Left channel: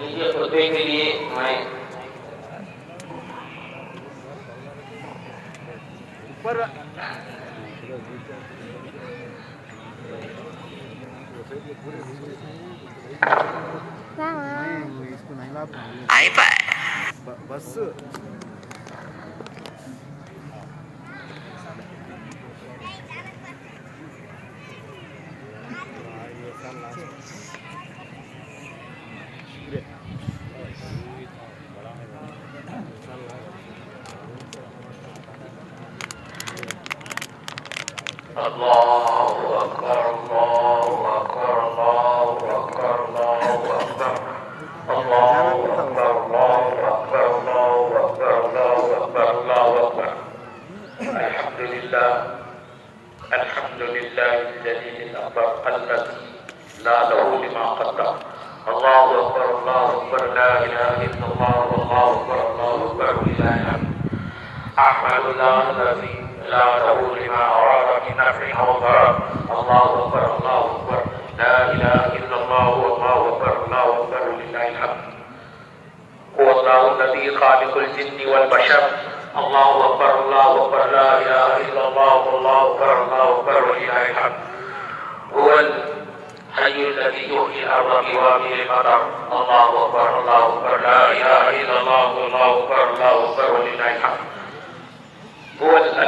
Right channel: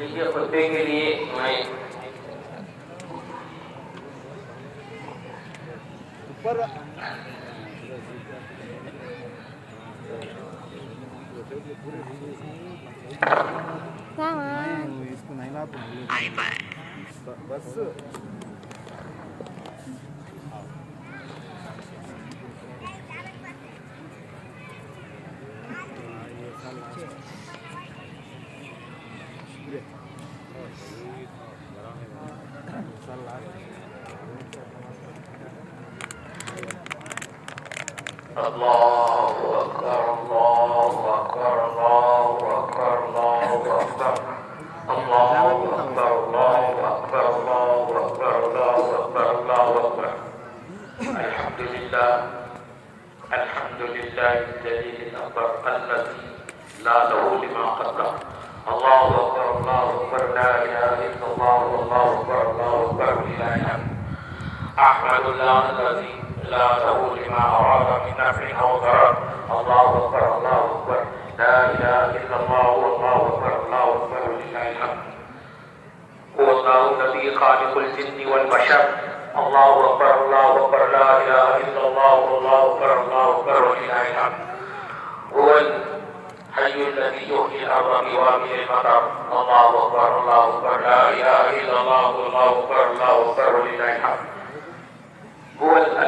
लीजिए खुतबे के लिए मैं ऊपर बस الله أكبر الله أكبر الله أكبر الله أكبر الله أكبر الله أكبر الله أكبر الله أكبر الله أكبر الحمد لله الجليل الأكبر الذي لا له لما قدر الله أكبر الله أكبر لا إله إلا الله والله أكبر الله أكبر لله الحمد أحمد الله الذي لا له لما أراد من نفع أو ضرر الله أكبر الله أكبر لا إله إلا الله والله أكبر الله أكبر لله الحمد هو الله الذي خالق الجن والبشر الله أكبر الله أكبر لا إله إلا الله والله أكبر الله أكبر لله الحمد هو الحي الذي يحيي الأرض بوابل المطر الله أكبر الله أكبر لا إله إلا الله والله أكبر الله أكبر لله الحمد هو الأليم